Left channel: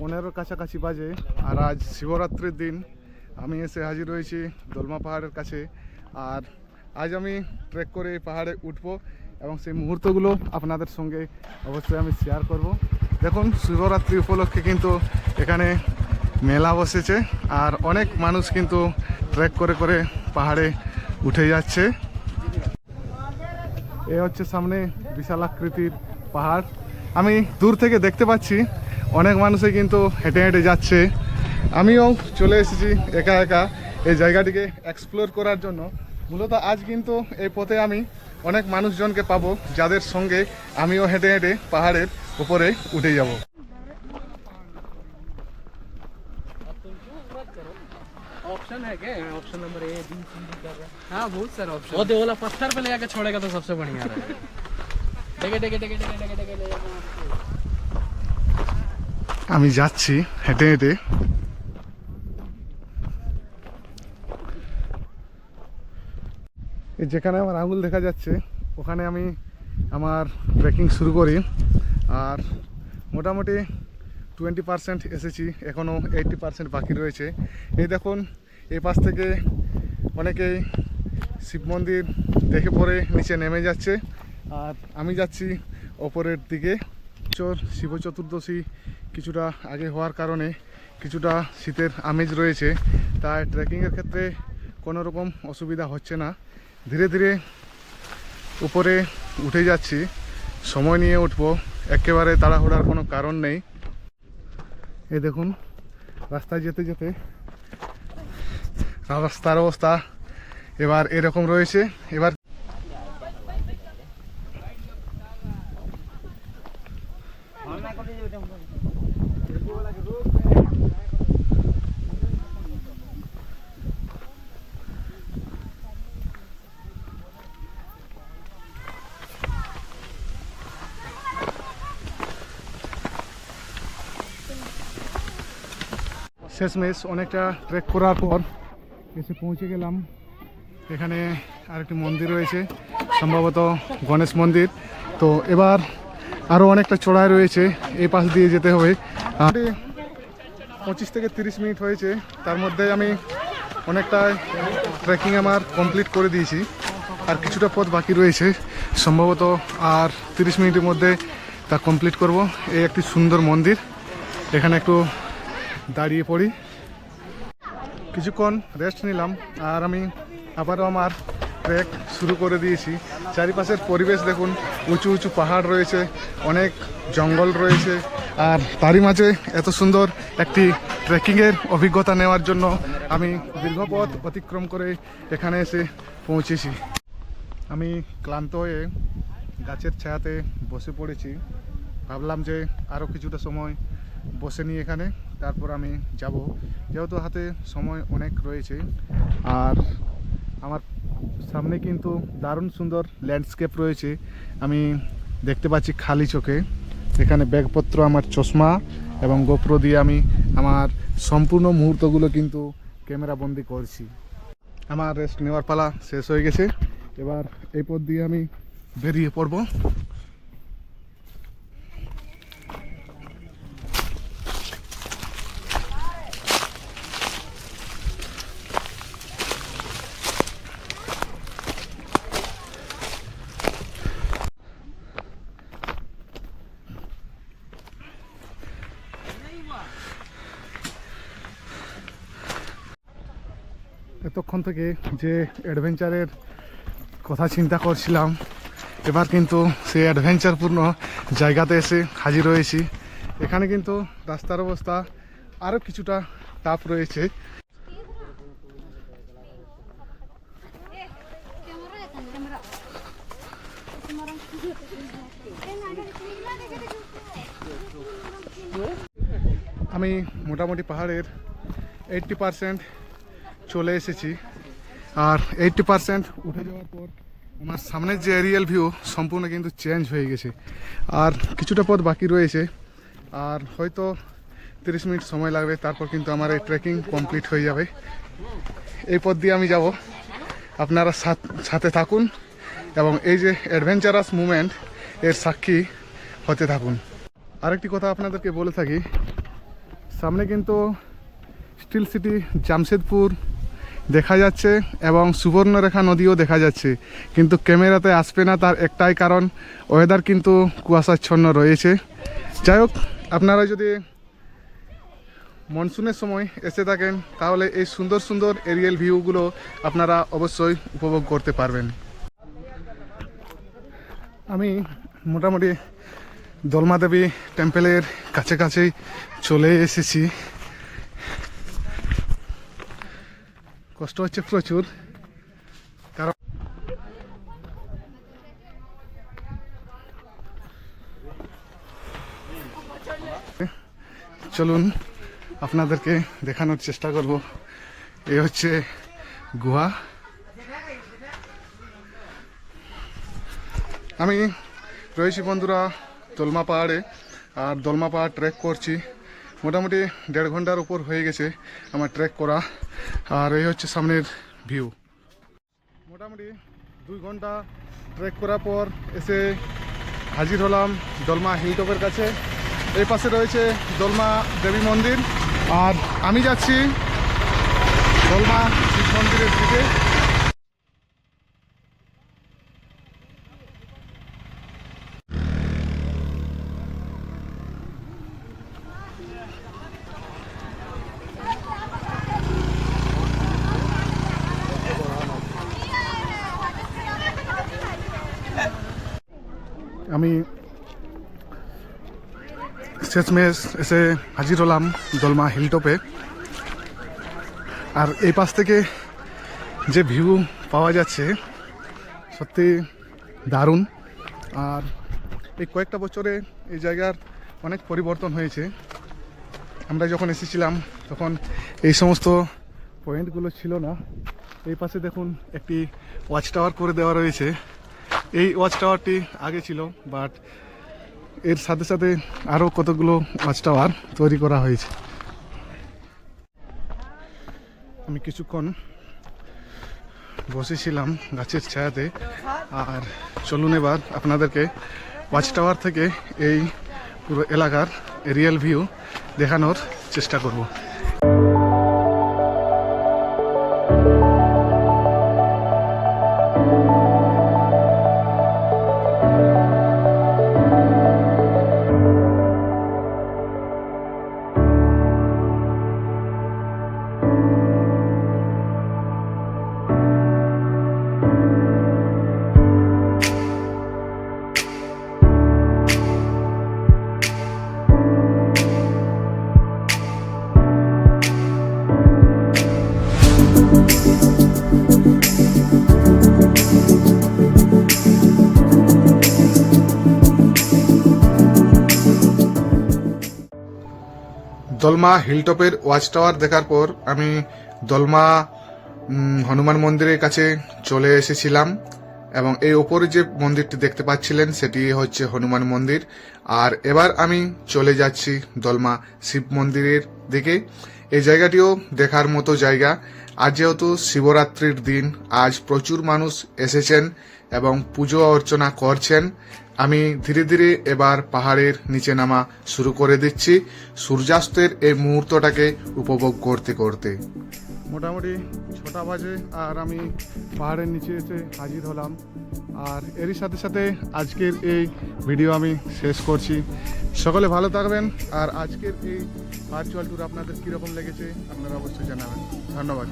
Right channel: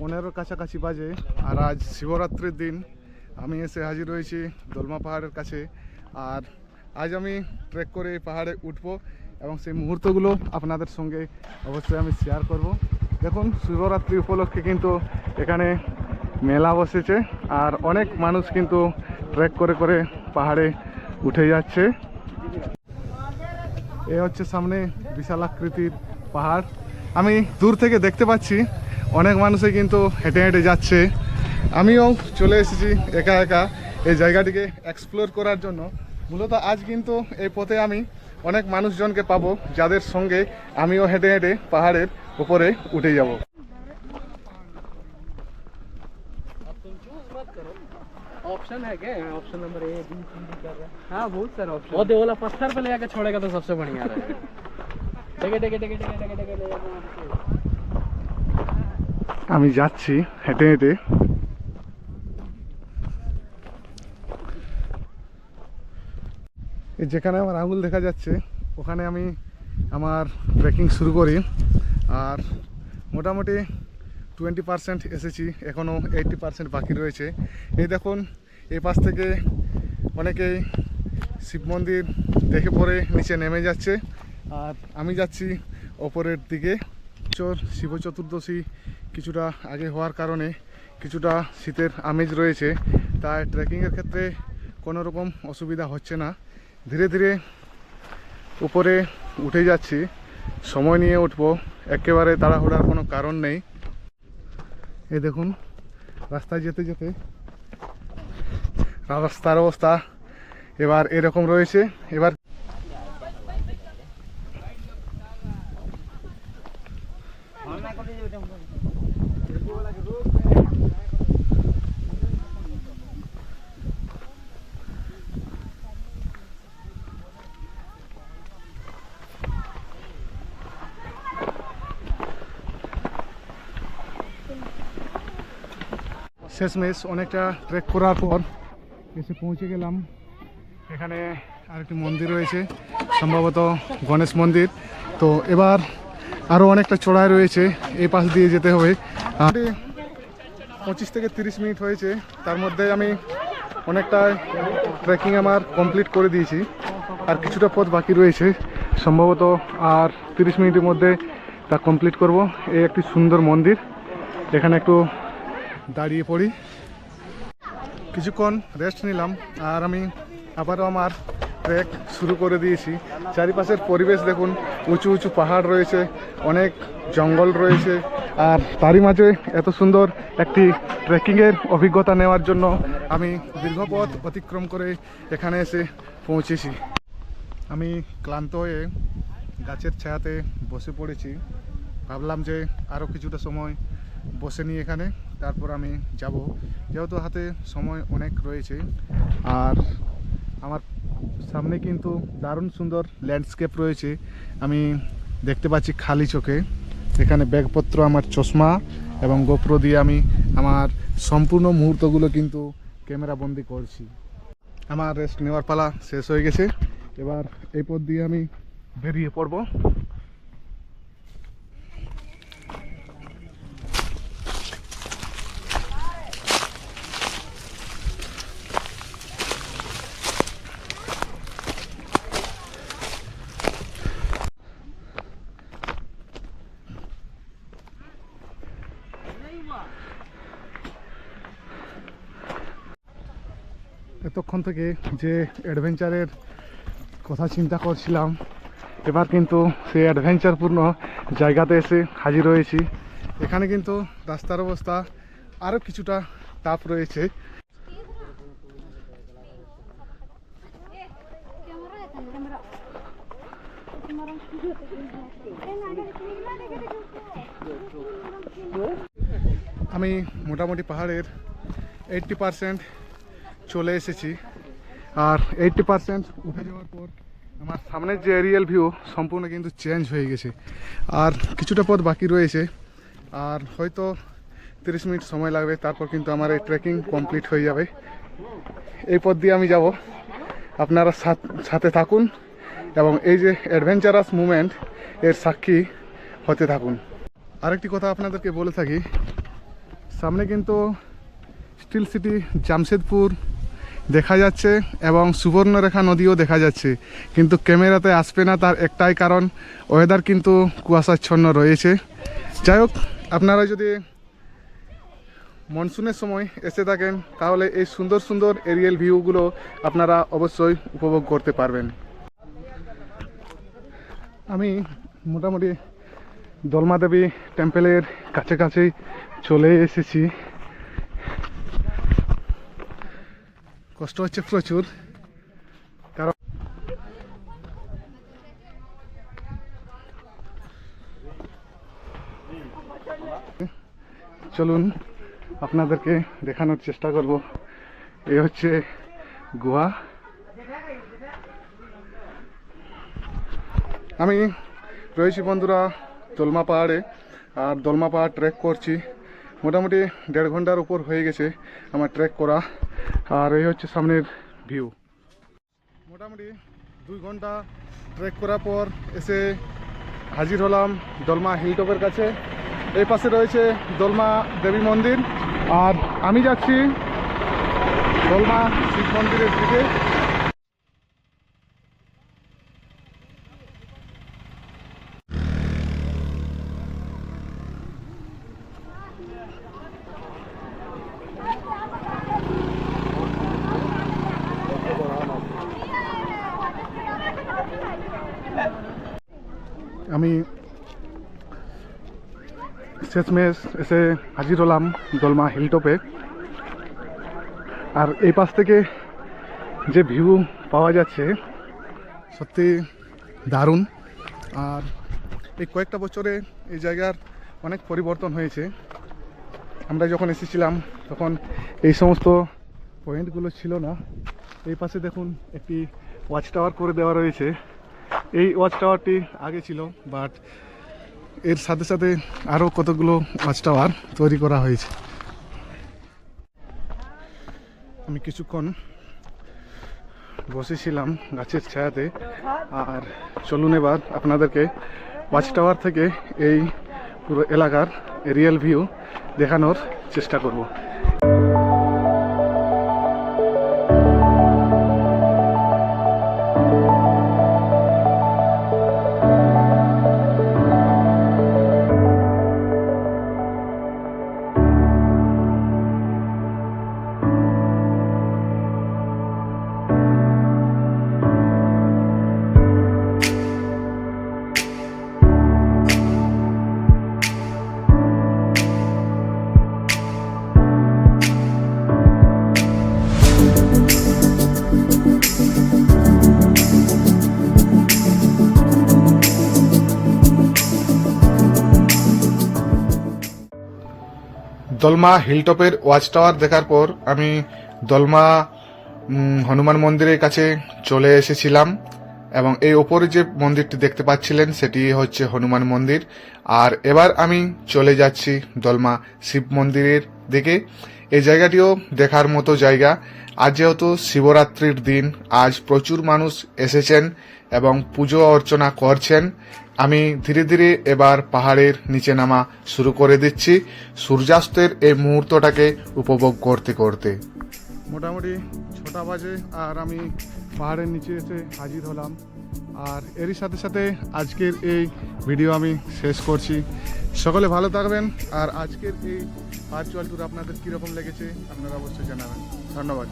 15 কাছাকাছি বাজে। আর আজ শিবরাত্রির দিন আমি এসে হাজির হয়েছি দোলমা পাহাড়ের কাছে। আর আজ আমি ট্রেক করে এই পাহাড়ে উঠবো এবং সেই মুহূর্তগুলো আপনাদের সঙ্গে অবশ্যই আমি শেয়ার করব। দেখুন, শিবরাত্রি উপলক্ষে কিন্তু এখানে মেলা বসেছে আর অনেক মানুষ কিন্তু ট্রেক করে করে পাহাড়ে উঠে যাচ্ছে। এ হচ্ছে সামনে বিশাল আকৃতির পাহাড়। আমি দূর থেকে দেখতে পাচ্ছি অনেক মানুষই কিন্তু হেঁটে হেঁটে যাচ্ছে। আমিও চলে এসেছি একা একা এই জায়গাটিকে এক্সপ্লোর করার জন্য। মূলত আজ কিন্তু এই পথে আমি অনেক মানুষজনকে পাবো যাদের সঙ্গে আমিও হেঁটে হেঁটে পাহাড়ের উপরে উঠে যাব। ऑप्शन है क्या? Option number A B C D का? हाँ, बहुत सारे ऑप्शन। वो वाला पत्थर पे ले जाके छोड़ेगा तो सबसे बढ़िया रहेगा। डेगे डेगे डेगे डेगे डेगे डेगे ले जाना। আমি যাচ্ছি হেঁটে হেঁটে। যেখানে আমার আঙুল দেখা যাচ্ছে ওখানে আমি আমার ট্রেকিং শুরু করি। আর মোটামুটি 20% এসেছি, এখনও 80% বাকি রয়েছে। এই দেখুন, এই পাশ থেকে অনেকেই শিব মন্দির দেখে পরে নিচে নেমে যাচ্ছে আর আমি যাচ্ছি ওপরের দিকে। শিব চতুর্দশী কিছুটা আগে হওয়ার কারণে কিছুটা শীতের আমেজ রয়েছে, তাই ট্রেকিংয়ের ক্ষেত্রে কোনো রকম অসুবিধা হচ্ছে না। ধীরে ধীরে উপরে উঠে যাচ্ছি, সময় নিয়ে উঠবো, একেবারে তাড়াহুড়ার কোনো কারণ নেই। এই দেখুন, রাস্তায় যেতে যেতে রাস্তার অবস্থা এবার এরকম রয়েছে। এবার শেষমেশ অনেকটা ট্রেক করার পর এসে পৌঁছে গেলাম। এখানে আরেকটি মন্দির রয়েছে, সম্ভবত গণেশ মন্দির। তো এবার আরও অনেকটা চড়াই রয়েছে, এই পাশ দিয়ে যেতে হবে। 25 থেকে 30 মিনিট হয়েছে, তার মধ্যে আমি অনেকটা ট্রেকিং আমার কমপ্লিট করে দিয়েছি। আর কিছুটা পথ বাকি রয়েছে, সম্ভবত আর 30 মিনিটের মধ্যে তা কমপ্লিট করব। এই একটি সুন্দর মন্দির, এখানে একটু দাঁড়িয়ে পড়ি, কিছুক্ষণ রেস্ট নিলাম আর আমি আবারও আমার ট্রেক শুরু করে দিয়েছি। চারিপাশের পরিবেশ দেখুন, উঁচু উঁচু পাহাড় রয়েছে, অনেক জঙ্গল রয়েছে, আর তারই মাঝে এত সুন্দর একটি ট্রেকিংয়ের অভিজ্ঞতা নেওয়ার জন্য আমি দীর্ঘ পথ অতিক্রম করে এখানে এসে পৌঁছেছি। আমি ক্লান্ত হয়ে গাছের ছায়াতে বসে পড়েছি। ভাবলাম যে আরও কিছুটা সময় বসে নিয়ে এখানে, তারপর আমি যাব, যেহেতু হাতে সময় অনেক রয়েছে। আর আমার সামনে কিন্তু দারুণ সুন্দর ল্যান্ডস্কেপ রয়েছে, আমি দেখতে পাচ্ছি খালি চোখে। এখানে ব্যাগপত্র, আমার চশমা এবং গোপ্রো দিয়ে আমি আমার সম্পূর্ণ মুহূর্তগুলো কিন্তু ক্যামেরা বন্দি করছি। আমার রেস্ট নেওয়ার পালা শেষ হয়ে গেছে, এবার এই পথ দিয়ে আমি বেরিয়ে পড়ব। এতক্ষণ থেকে যে অ্যাডভেঞ্চারের কথা চিন্তা করছিলাম, এবার কিন্তু সেই অ্যাডভেঞ্চারপূর্ণ জায়গাতে এসে হাজির হয়েছি। এখানে কিন্তু রাস্তার অবস্থা আরও কিছুটা টাফ রয়েছে। আমি মোটামুটি পাহাড়ের 80% চলে এসেছি। আর 80% উঠে যাওয়ার পর আমার সামনের যে এরিয়াল ভিউ সম্পূর্ণ কিন্তু চেঞ্জ হয়ে গেছে। আর কিছুটা পথ বাকি রয়েছে, আর হয়তো 30 মিনিট সময় লাগবে, তারপর কিন্তু আমার এই ট্রেকিং কমপ্লিট হয়ে যাবে। এই পথ দিয়ে আমি যাব, আপনারা সাথে থাকুন এবং এই যে অ্যাডভেঞ্চারাস মুভমেন্ট এর সাক্ষী হতে থাকুন। আরেকটি কথা আপনাদেরকে বলে থাকি, সামনে কিন্তু স্টিল সিটি জামশেদপুর দেখা যাচ্ছে এবং সুবর্ণরেখা নদীও দেখা যাচ্ছে, কিন্তু ক্যামেরাতে আসবে না। তার একটাই কারণ, ওয়েদার কিন্তু কুয়াশাচ্ছন্ন রয়েছে। যাই হোক, আপনারা যদি মনসুনের সময় এসে থাকেন তাহলে এই সুন্দর সুন্দর এরিয়াল ভিউগুলো আপনারা অবশ্যই উপভোগ করতে পারবেন। আমি মোটামুটি দলমা দেবী টেম্পেলের কাছাকাছি চলে এসেছি। কষ্ট হচ্ছে প্রচুর, কারণ চলুন আপনাদেরকে দেখানোর চেষ্টা করব। এই হচ্ছে গুহা। আমি রয়েছি বন্ধুরা দলমা পাহাড়ে, আর দলমা পাহাড় ট্রেক করছি। মোটামুটি 1.5 ঘন্টার উপর হয়ে গেছে আমার ট্রেক করা, আর এই হচ্ছে সামনের ভিউ। মোটামুটি 2 ঘন্টা ট্রেক করার পর এসে হাজির হলাম দলমা হিলটপের কাছে। এই পাশে রয়েছে দলমা দেবী মন্দির, আর আমি যাচ্ছি দলমা শিব মন্দিরের দিকে। আমি শেষমেশ এসে হাজির হলাম দলমা হিলটপে, আর এই পাশ থেকে যে ভিউ পাওয়া যাচ্ছে সত্যি দারুণ। আর এই কয়েকটা বছরে এই জায়গার অনেক পরিবর্তন হয়েছে। আমরা যখন এসেছিলাম তখন এই সমস্ত পয়েন্টগুলো ছিল না। এই পাশে দেখুন একটি ওয়াচ টাওয়ার করে দেওয়া রয়েছে। এই ওয়াচ টাওয়ারটি আগে ছিল, বাট এর সাথে সাথে আরও কতগুলো ওয়াচ টাওয়ার তৈরি করা হয়েছে। আমি কিছুক্ষণ বসেছিলাম গাছের ছায়াতে, আর চলুন এবার আপনাদেরকে ওয়াচ টাওয়ার থেকে এই পুরো এলাকার এরিয়াল ভিউ দেখানোর চেষ্টা করব। দলমা হিলটপের ওয়াচ টাওয়ার দেখার পর আমি দলমা হনুমান মন্দিরের কাছে চলে এসেছিলাম, এবং এই ওপরে যে মন্দিরটি দেখতে পাচ্ছিলেন সেটি হচ্ছে হনুমান মন্দির। আর এবার আমি চলে যাচ্ছি দলমা শিব মন্দিরের দিকে। এই জায়গাটিও দেখার মতো জায়গা। আজ যেহেতু শিবরাত্রির দিন, আজ প্রচুর মানুষ এসেছেন এবং পুজো অর্চনা করছেন। আমি ধীরে ধীরে এবার পাহাড়ের নিচে নামা শুরু করে দিচ্ছি সূর্যাস্তের এই মুহূর্তটাকে উপভোগ করতে করতে। মোটামুটি 6টা বাজে আর আমি পাহাড়ের নিচে এসে হাজির হলাম। আর এরই সাথে সাথে আজকের এই ভিডিও আমি শেষ করছি। সকলে ভালো থাকবেন, আর আজকের এই ভার্চুয়াল ট্যুর আপনাদের কীরকম লেগেছে আপনারা অবশ্যই জানাবেন। ধন্যবাদ।